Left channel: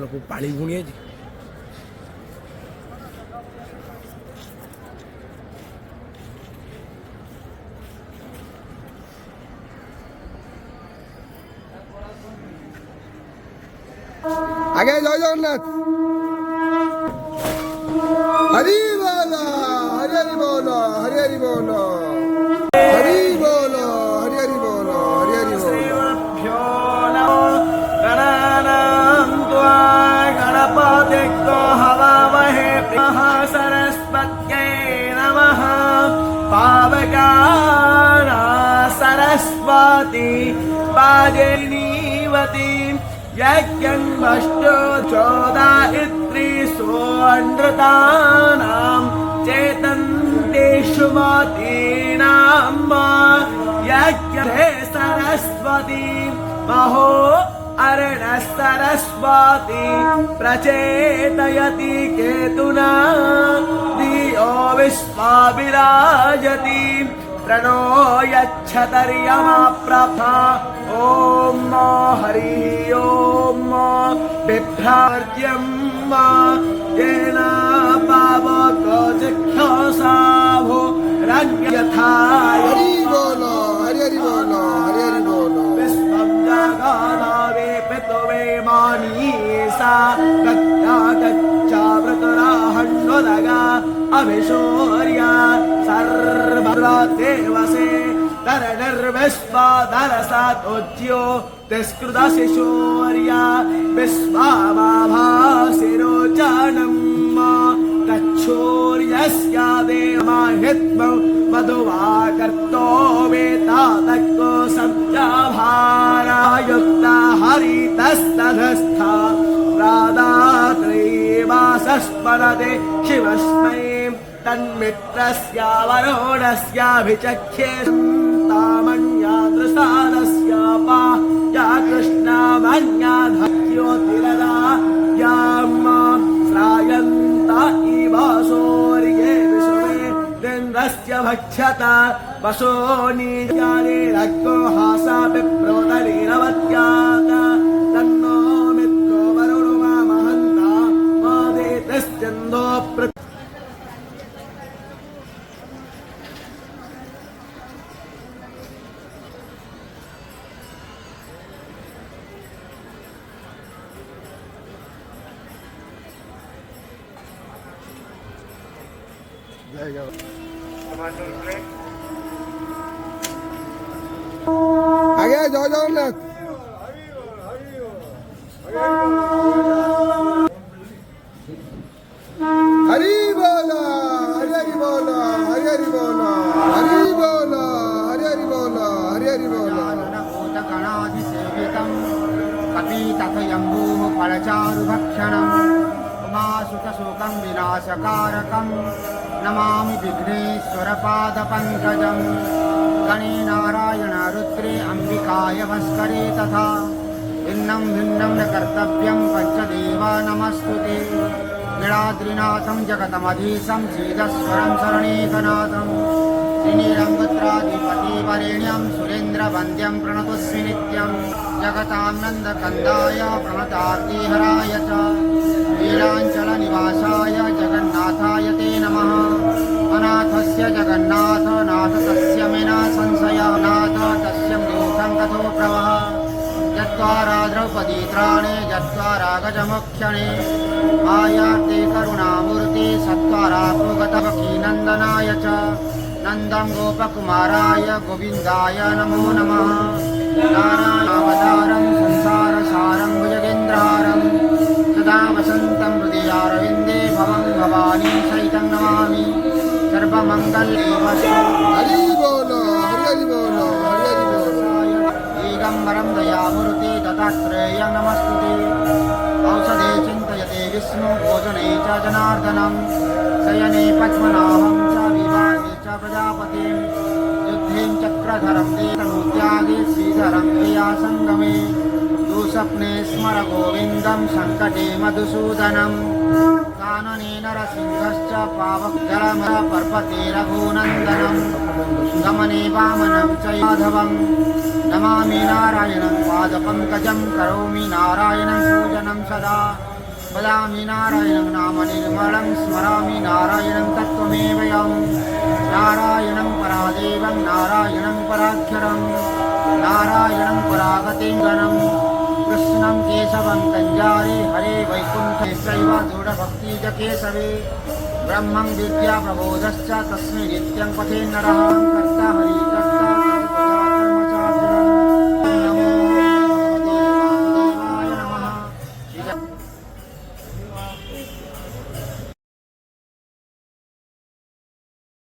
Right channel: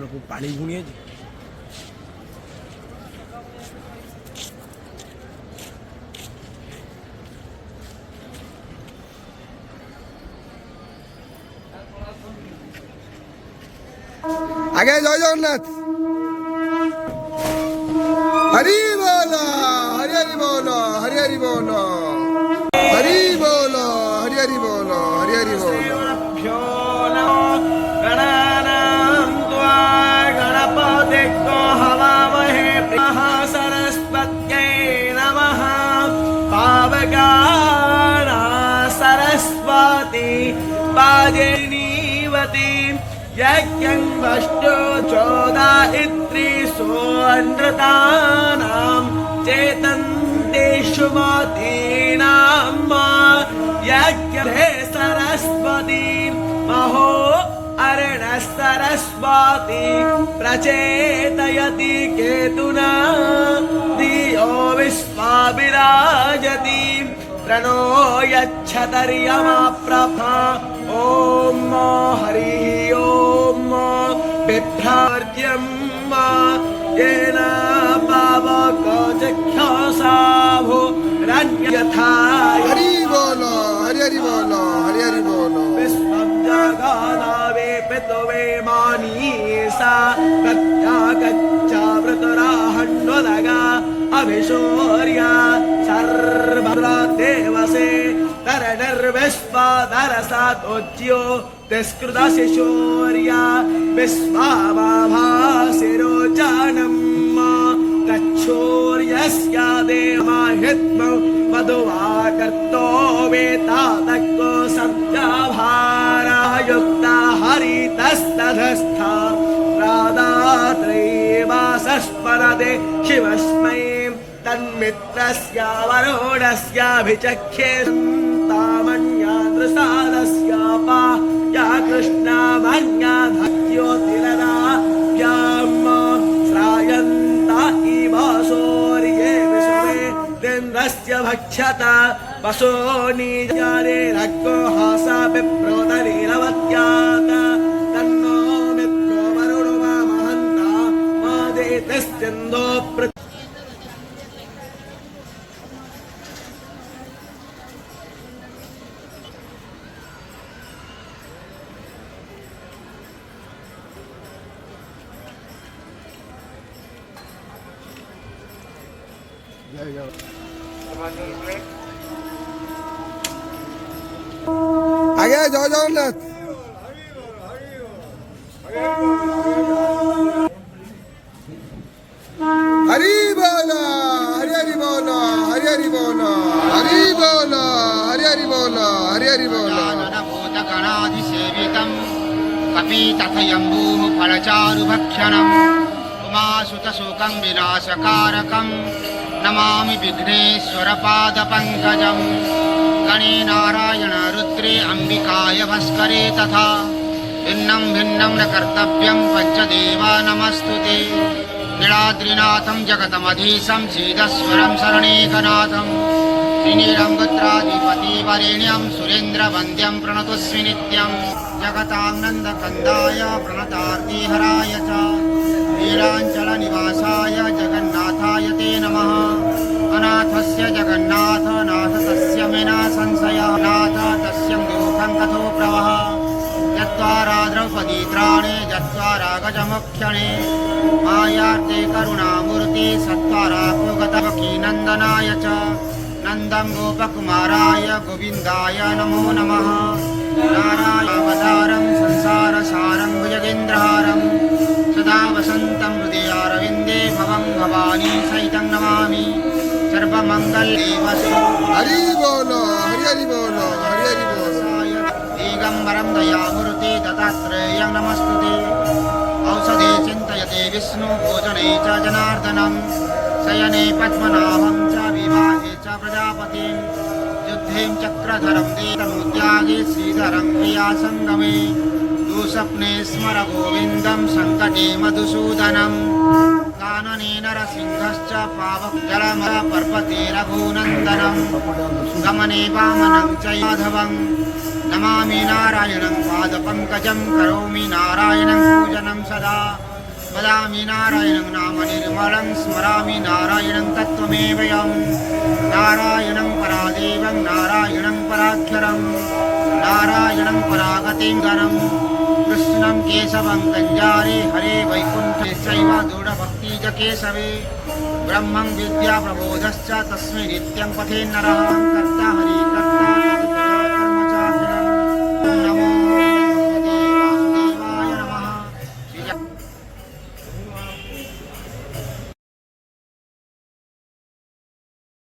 लोग पानी भूंगे जी। आगे जय जगन्नाथ। हरि बोलो हरि हरि बोलो हरि हरि बोलो हरि बोलो हरि हरि बोलो हरि हरि बोलो। सोऽनृतानां चेतन्तेषु मतीनां यज्ञे सरस्वती महो अरणः सरस्वती प्रचेतयति केतुना धियो विश्वा विराजति प्रणो यच्छतर्यमा प्रभा ॐ हरि ॐ बिभ्रार्यं येन पावको जिज्ञासाभो रण्यथा। हरि बोलो हरि हरि बोलो हरि हरि बोलो। विश्वं जगानावे पितुवे मानीसा गत्या गच्छावृतराहन्वदगा अभिशौर्य सर्वदेवसे तरनर्विश्वादरसातोज्यो तिस्कृतशिशौर्य विश्वाभासिरोचनम् गच्छोर्यस्य देवहित्मौ मधुवाकर्तो वेतादक्को सब्जाभारायुक्ता हरितस्तधस्था राधात्रैवासस्मरते शिवस्मै तन्मित्रस्य वरुणस्याभिचख्ये तामन्यादृसादस्यापा या कृष्णमन्या धत्योतिरदा याम श्रायन्ता इव सौर्ये विश्वे देन्द्रस्य भक्षता वसो निजारे रक्को हासा विप्रोदरीरवत्यात् तन्नो मित्रो वरुणो महन्ता मादेतश्चन्दो आगे जय जगन्नाथ। हरि बोलो हरि हरि बोलो हरि हरि बोलो हरि बोलो हरि हरि बोलो हरि हरि बोलो। भूतगणाधिसेवितं कपितथयम्बूः फलचारुभक्षणम् उमासुतशोकं विनाशकारकं नमामि विघ्नेश्वरपादपङ्कजं गणे नारायण रुद्रे अम्बिकाय भास्करे तथा भिन्नं भिन्नं न कर्तव्यं पञ्चदेवा नमस्तुते नीलाद्रिनाथं जगतमधीशं सीदस्वरं शरणेकनाथं श्रीनीलङ्गत्राधिपतिवरेण्यं सुरेन्द्रवन्द्यं प्रणतोऽस्मि नित्यं जगतां नन्दकन्दाय प्रणतार्तिहराय च नीलाञ्चलनिवासाय जगन्नाथाय ते नमः। अनाथस्य जगन्नाथ नाथ तस्य मेना संशया नाथ तस्य दुःखं कथो प्रवह यद्वारा द्रौपदी त्राणे यद्वारा गजमुख्यणे मायार्ते करुणामूर्ते सत्वारा भोगतवकीनन्दनाय च नन्दं गोपकुमाराय गोविन्दाय नमो नमः। नारायणावतारं संसारसारं भुजगेन्द्रहारं सदा वसन्तं हृदयारविन्दे भवं भवानी सहितं नमामि सर्वमङ्गलदेवस्य हरि बोलो हरि हरि बोलो हरि हरि बोलो। दिगम्बरं दयामूर्ते दत्तात्रेयं नमस्तुते औषधे चिन्तयते विष्णु भोजने च जनार्दनं शयने पद्मनाभं च विवाहे च प्रजापतिं युद्धे चक्रधरं देतनुत्यागे श्रीधरं क्रियासङ्गमे दुःस्वप्ने स्मर गोविन्दं सङ्कटे मधुसूदनम् कानने नरसिंहश्च पावक जलमल पर्वते रघुनन्दनं गमने वामनं च माधवं नमामि नारायणं पादपङ्कजं करोमि नारायणं पूजनं सदा वदामि नारायणं नाम निर्मलं स्मरामि नारायणं तत्त्वमेवयं नारायणं परादेवं नारायणं पराक्षरं नारायणं परागतिं गणं कृष्णं केशवं कञ्जारे हरे वैकुण्ठे चैव दृढभक्ति च केशवे ब्रह्मं विद्या प्रबोधश्च तस्मै नित्यं पठेन्नरः कर्ता हरि कर्ता